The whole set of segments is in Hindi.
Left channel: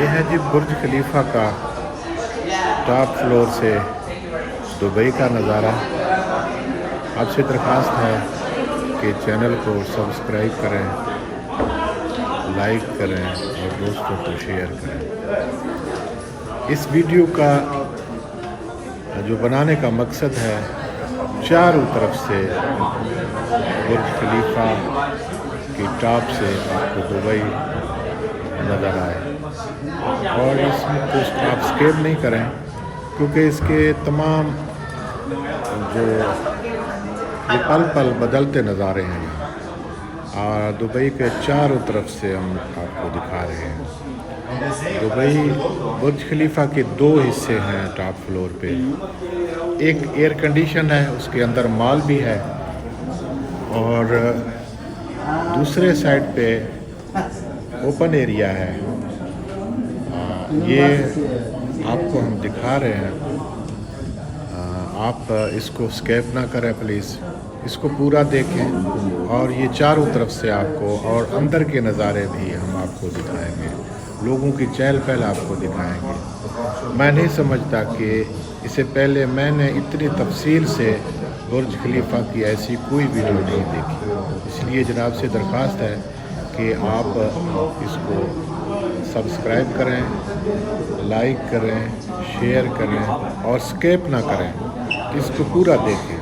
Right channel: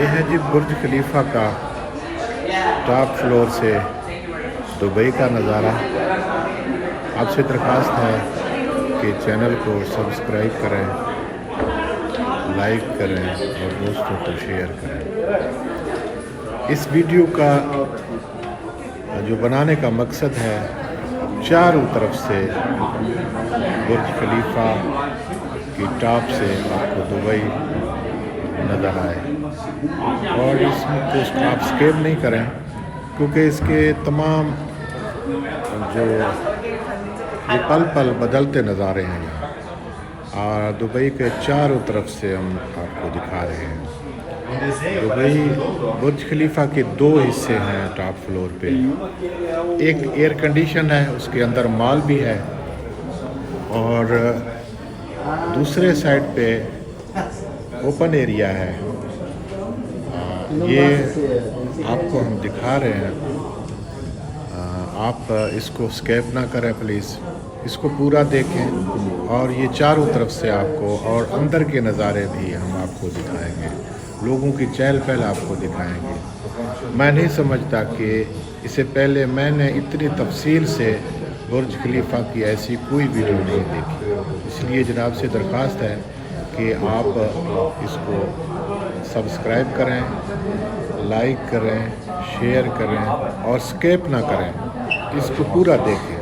ये है जी बुर्ज खलीफा का टॉप फ्लोर से दुबई का नज़ारा। आपसे दरख्वास्त है कि चैनल को सब्सक्राइब करें, लाइक करें और दोस्तों को शेयर करें। इस वीडियो का जो बनाने का मकसद है, चारों तरफ से बुर्ज खलीफा की टॉप से आपको दुबई नज़र आए और इसमें कुछ आप स्किप नहीं करें, क्योंकि इसके तमाम जो ये पल पल बदलते नज़ारे हैं यहाँ, और दुबई के चारों तरफ से हम आपको दिखा रहे हैं। दुबई बुर्ज खलीफा के दो हिस्से हैं टॉप फ्लोर पे। एक एयर कंडीशन है, उसके अंदर मॉल भी है, और दूसरे साइड पे ओपन एरिया है। ये आपको हम दिखा रहे हैं। आप इसको स्किप ना करें प्लीज़, इसको पूरा देखें। और ये चारों तरफ से आपको और अंदर के नज़ारे भी हम आपको दिखाएंगे, लोगों की चहल पहल आपको दिखाएंगे। मैं नहीं समझता कि इससे पहले मैंने इतनी तफसील से बुर्ज खलीफा की ऐसी कोई वीडियो नहीं देखी। इसलिए जनाब से दरख्वास्त है कि आप इसको सब्सक्राइब करें, लाइक करें, शेयर करें और स्किप ना करें, इसको पूरा देखें।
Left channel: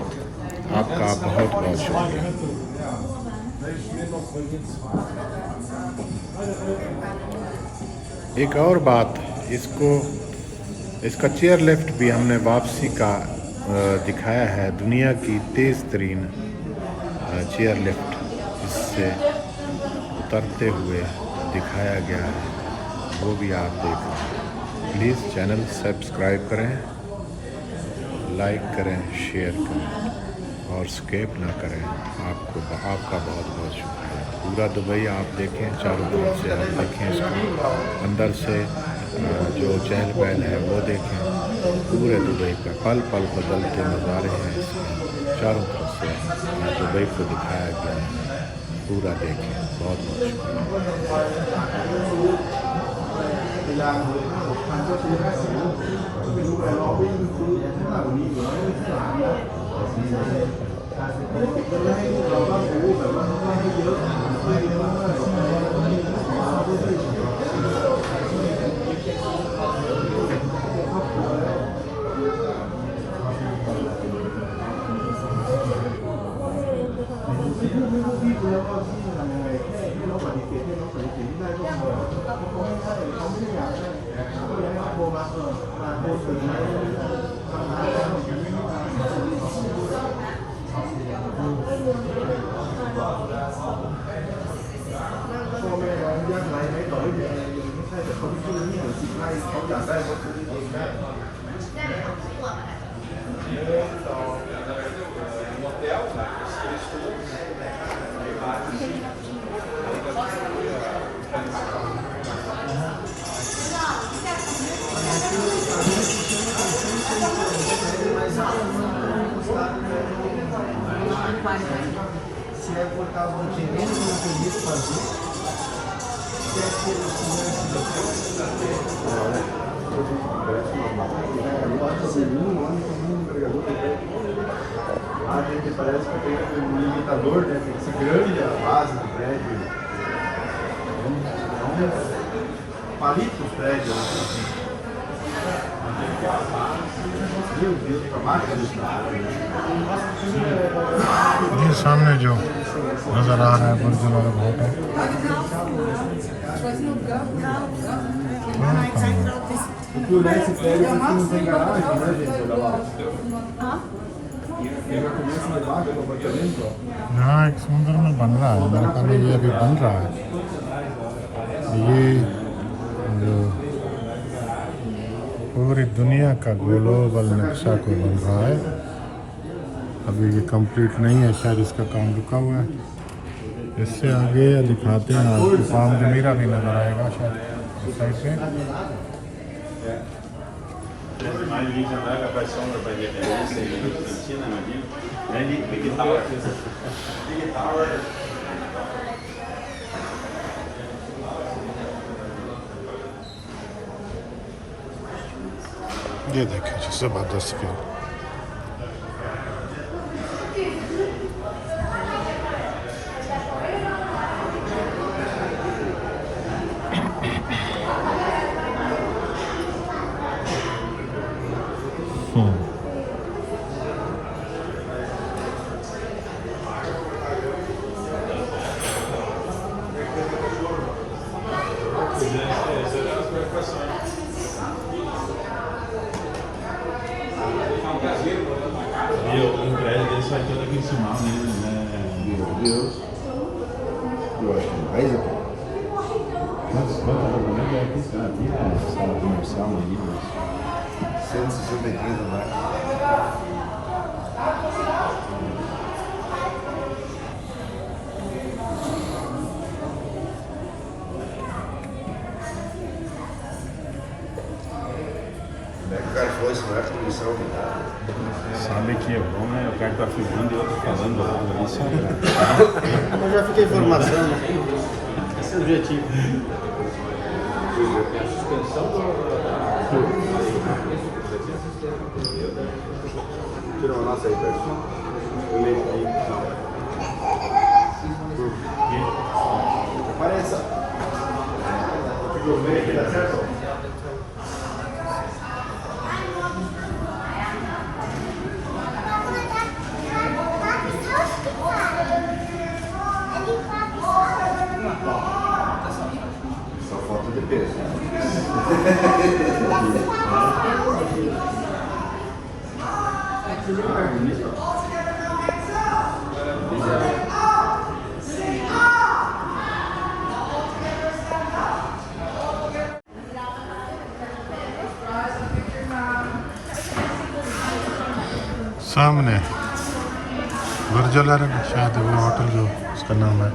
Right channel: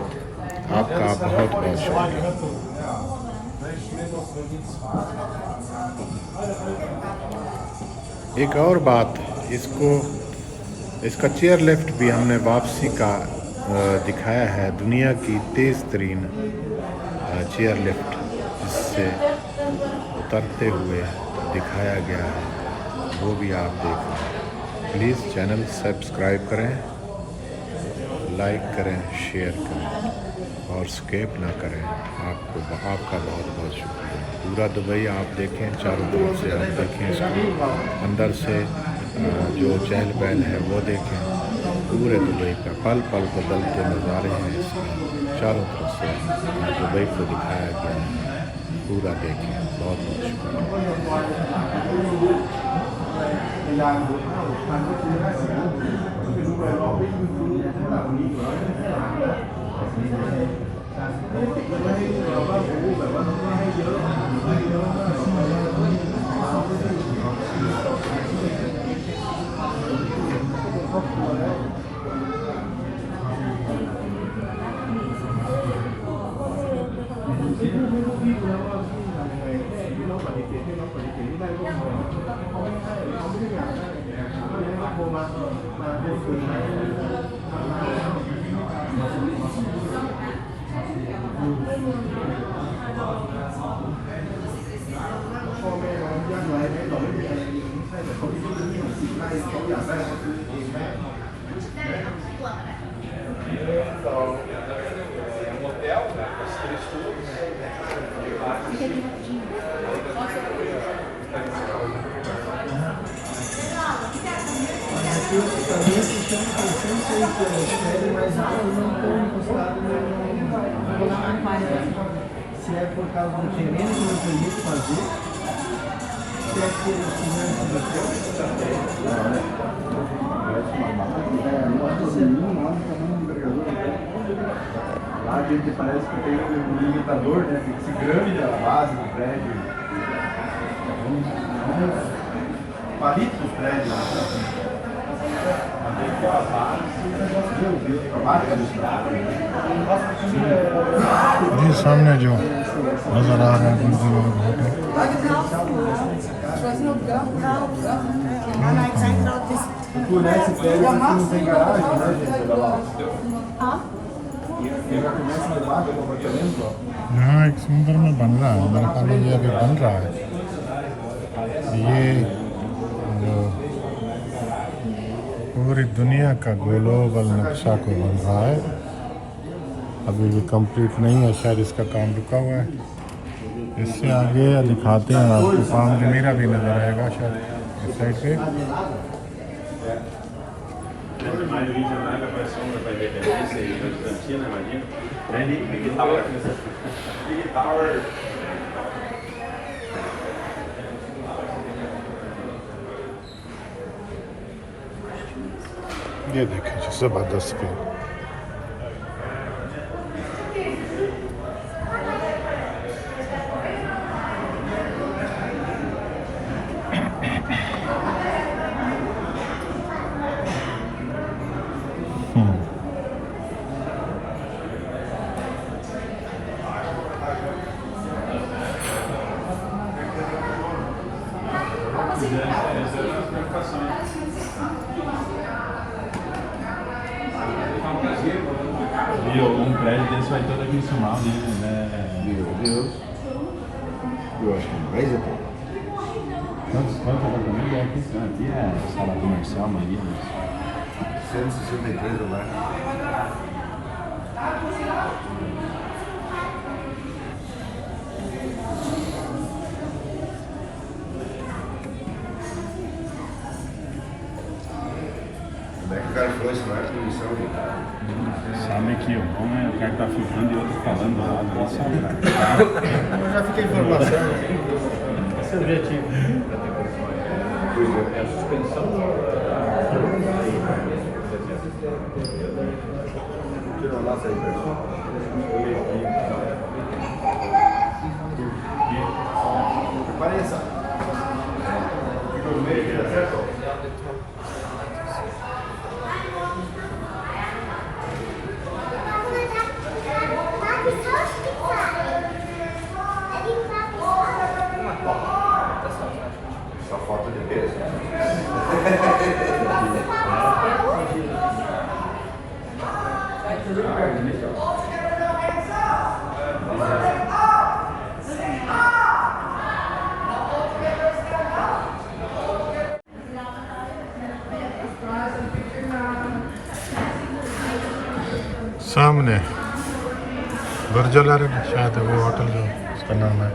आपका बहुत बहुत शुक्रिया। एक और बात, इसका चेयर लिफ्ट भी हमने वापसी का दिखाया है। दुनिया की तेज़ तरीन चेयर लिफ्ट जिससे उतरते हुए दिखाया गया है, वो भी आप देख रहे हैं। प्लीज़ चैनल सब्सक्राइब करें, लाइक करें, शेयर करें और स्किप ना करें। आपका बहुत बहुत शुक्रिया। पूरा दुबई आप देखें, चारों तरफ से आप देखें इसको, अंदर से जो चहल पहल है वो देखें। पूरे दुबई का पल पल बदलते नज़ारे हैं इसमें, चारों तरफ से दुबई को दिखाया गया है। पूरा देखें। बहुत बहुत Se é por causa do querendo que eu queria fazer, se é por a gente parece que tem um limitador, né? Tem que ser grande a base do prédio. Não palito os prédios. ये सामने जो नजर आ रहा है Porque nesse prédio aqui não tem garagem, né, gente? Olha lá. Ele já começa a levar pelo apartamento, ó. यहाँ एक समुद्र में बन रहा है, मेरे ख्याल में ये अभी बन रहा है। ये जो पूरी दुनिया का ग्लोबल नक्शा को बन रहा है, अभी ये कंप्लीट नहीं है, शायद इसका काम रुका हुआ है। इससे आगे दिखाते हैं आपको, पाम जमीरा भी नज़र आएगा शायद इस साइड पे। ये देखिए जी ज़बरदस्त view. E um prédio desse vai todo aqui em cima, né? Meu Deus. Eu acho que mais até. Quantos apartamentos é aqui? Aqui é sala de imersão, meninas. 163 andares. Como é que o cara falou isso? Não é transmissão de nada. Sabe que é bom, né? O cara tá ficando e o outro falando, isso Eu já fiquei informação. Esse é o objetivo. Tirou lá, saiu perto. Eu li aqui. Apareça. Ficou meio aqui, tá certo? Só falta de peso. सामने बुर्ज अल अरब शायद वो होटल का उसका नाम है।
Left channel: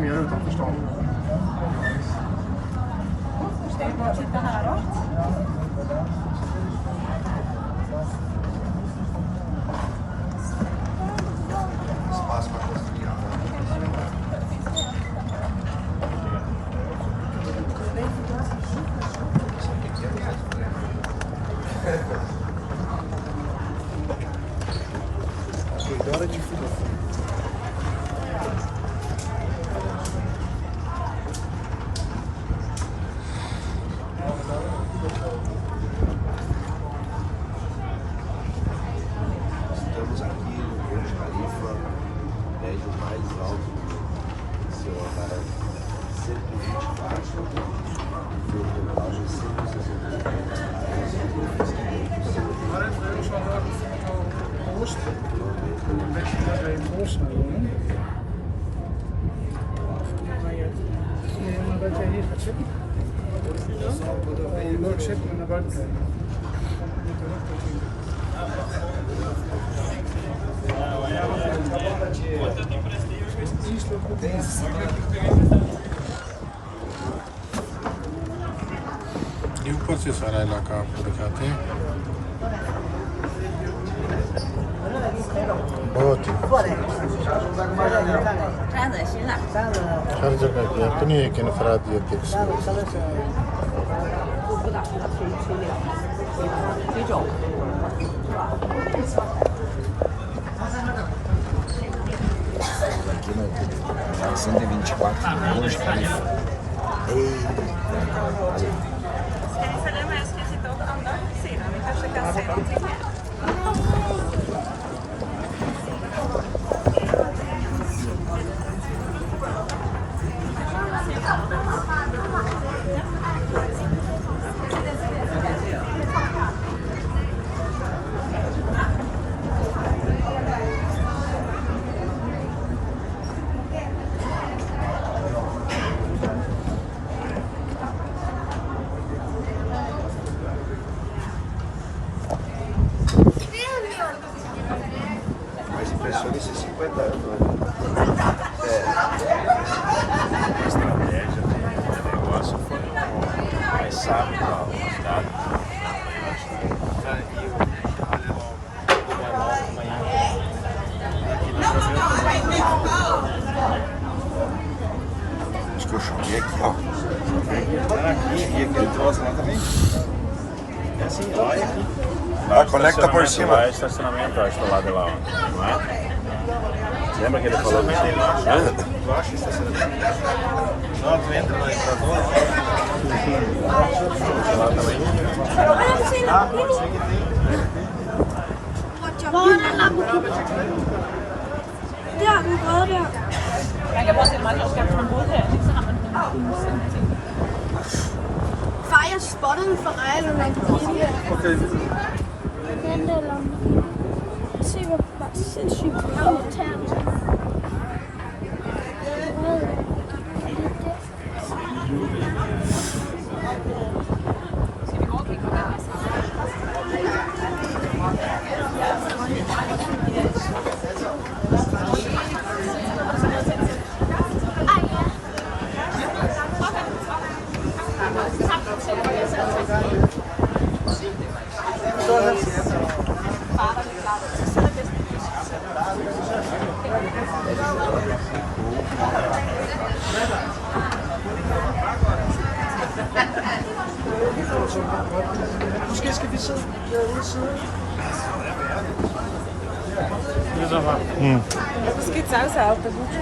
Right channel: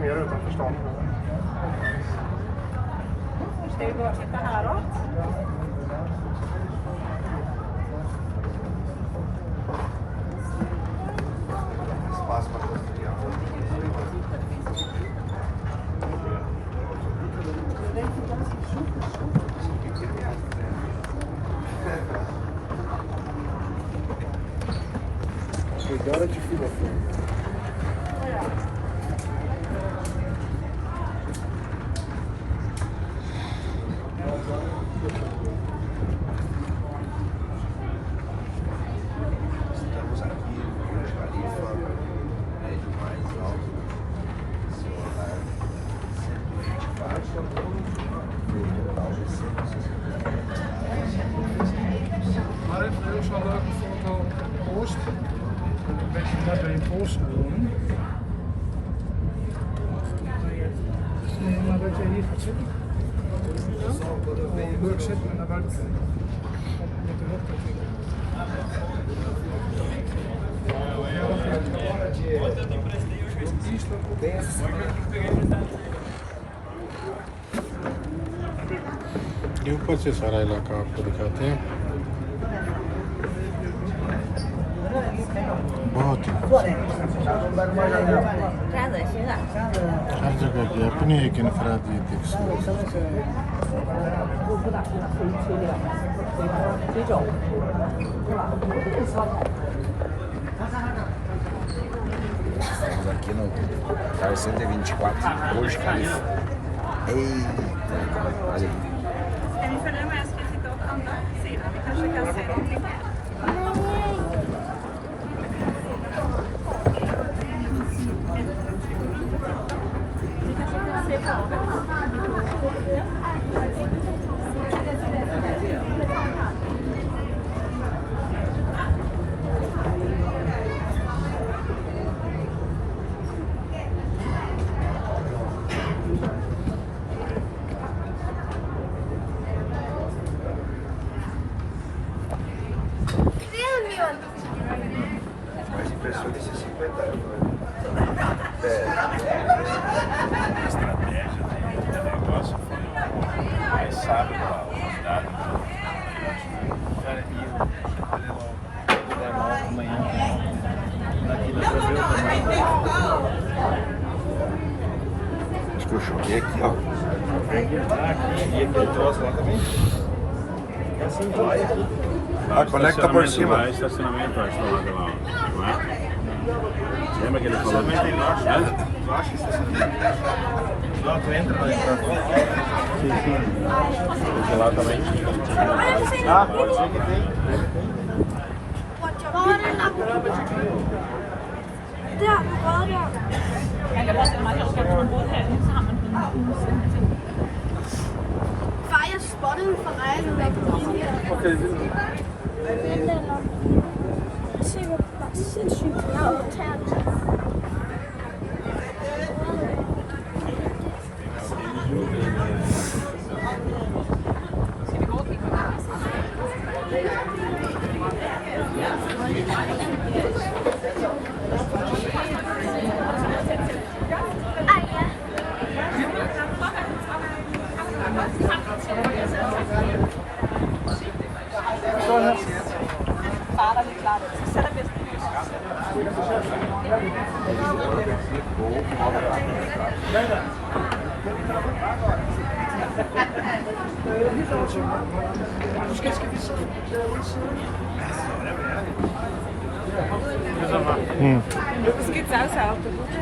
som gör utanför stan. Ska vi gå och titta häråt? Agora de filho. Estamos aqui no Burj Khalifa, prédio mais alto do seu Israel, 124. Var şu anda hoş. Hoş. ये ऊपर से सारा इलाका आपको दिखाते हैं। बहुत ही 站着行了。 हर जगह की अपनी एक इनफरादियत एक 不打推了，推走。 São 124 Burj Khalifa. Eita! Mas impressiona esses 50 anos. A estratégia do negócio foi mais sábio da humanidade. Acho que eu joguei aqui, ó. E aquele troço lá também. Ah, conecta por cima. Lá é estacionamento, acho que do lado de lá. Não é? Lembra que ele falou? Eu acho que estacionamento. Não, tu entra, mas Hvor er den Lamborghini? Der, vi prøvede det her. Man kan også meget godt komme på her. Far, jeg spottede en Ferrari, der Lamborghini her. Den der Lamborghini. Se, hvor sindssygt irriterende. Skal vi gå og kigge på det? Ej, ja. Måske skal vi sidde derude siden. Es gibt Salsa auf der Buche.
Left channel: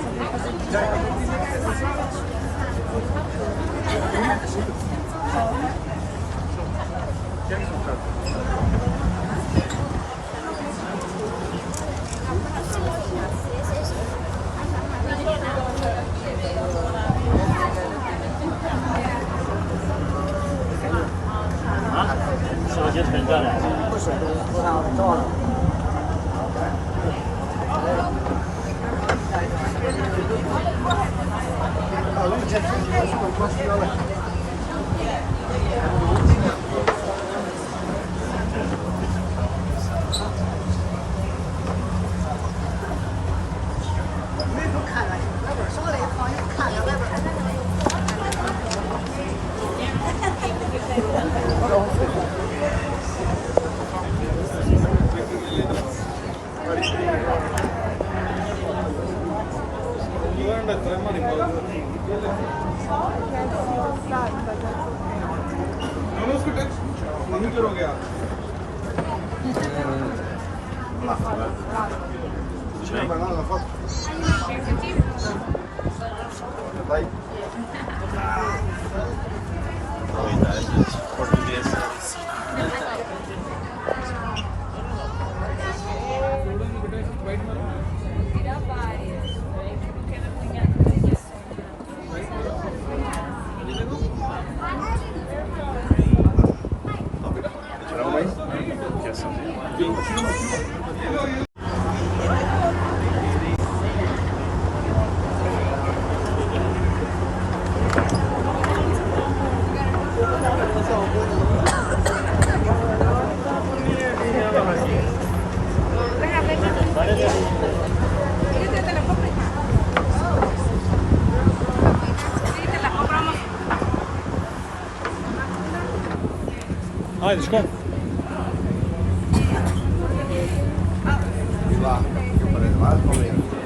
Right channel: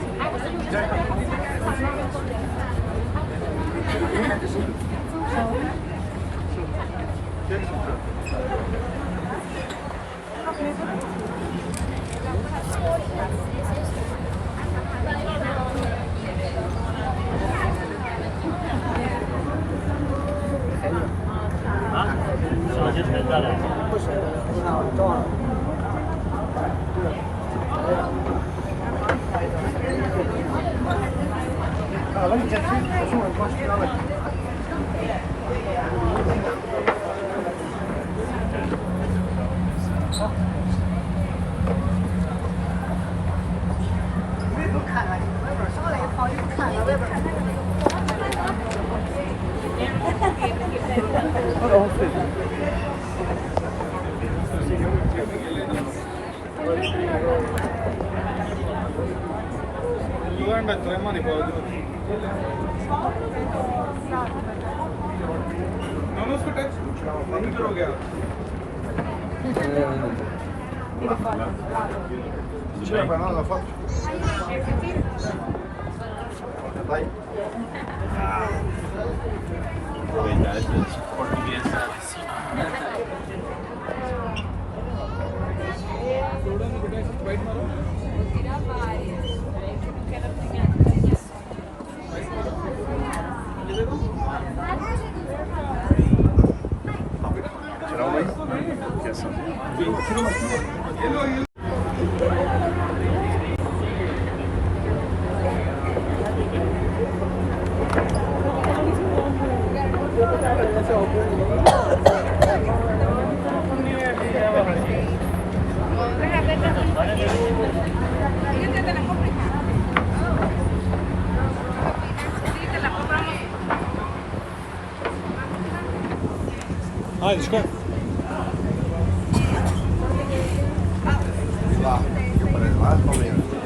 चलाओ भाई कैसा Haydi çıkar. Lá, eu falei lá, Palmeiras.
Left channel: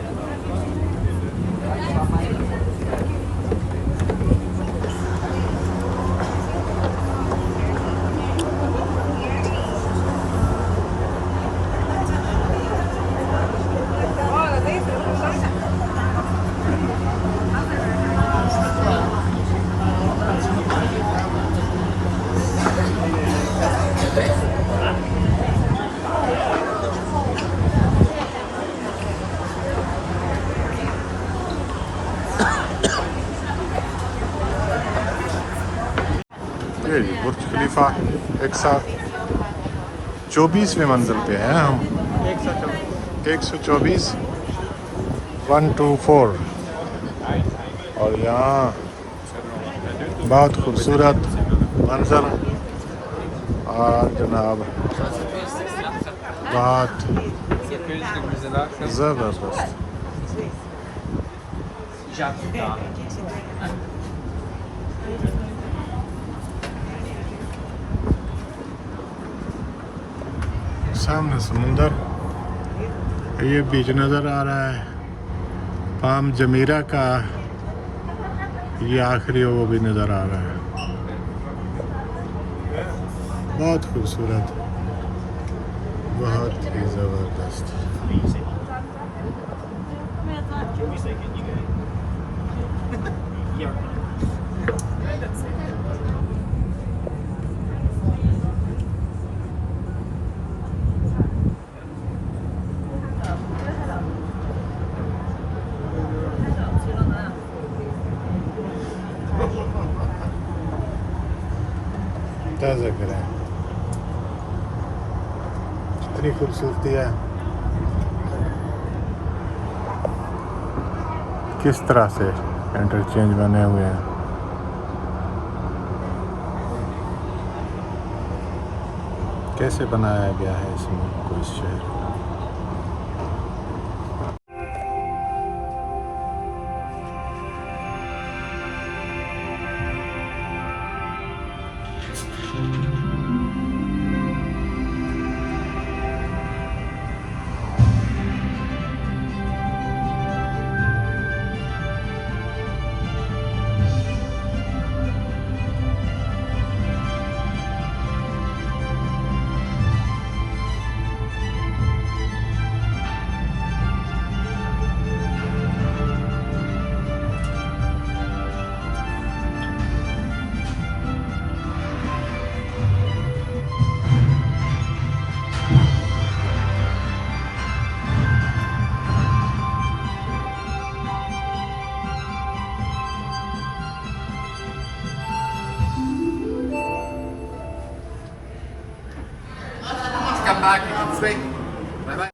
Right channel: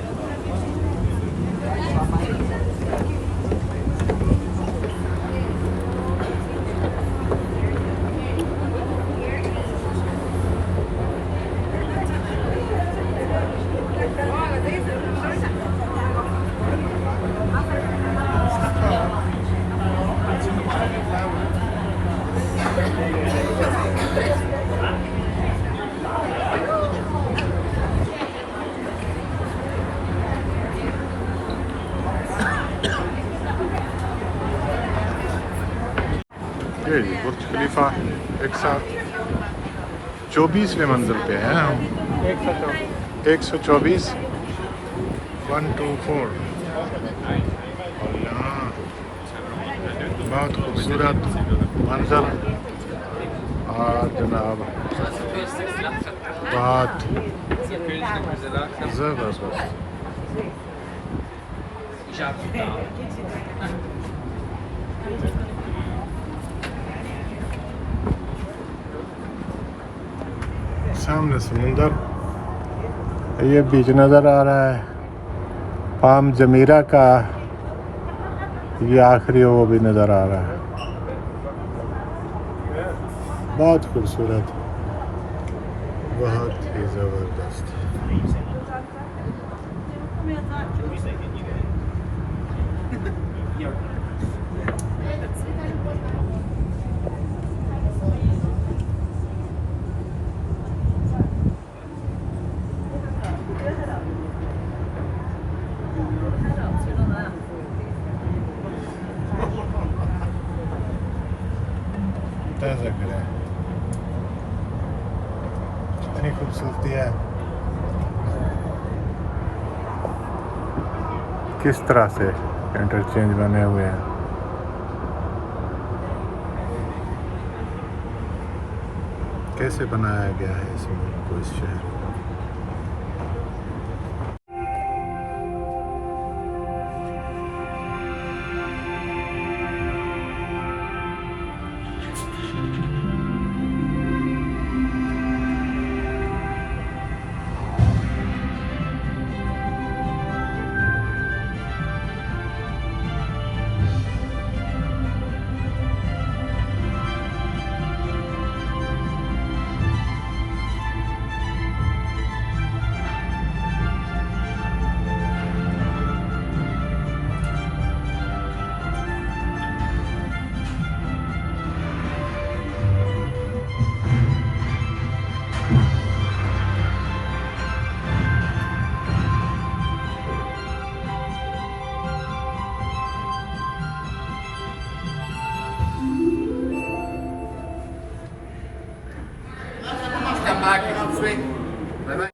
ये जी बुर्ज खलीफा 124वें मंजिल पे हैं हम 124 124 और यहाँ बहुत खूबसूरत मंजर और जनाब बहुत ज़बरदस्त सामने समुंदर ये बीच नज़र आ रहा है पाम जमीरा का ये आखिरी वो भी नज़र आ रहा है बहुत खूबसूरत बहुत ही ज़बरदस्त ताज़ा करें इतनी खूबसूरती है किस तरह से इंटरचेंज बने हुए हैं कैसे बनाया गया है इस मुल्क को इस शहर को Come back, you can swing.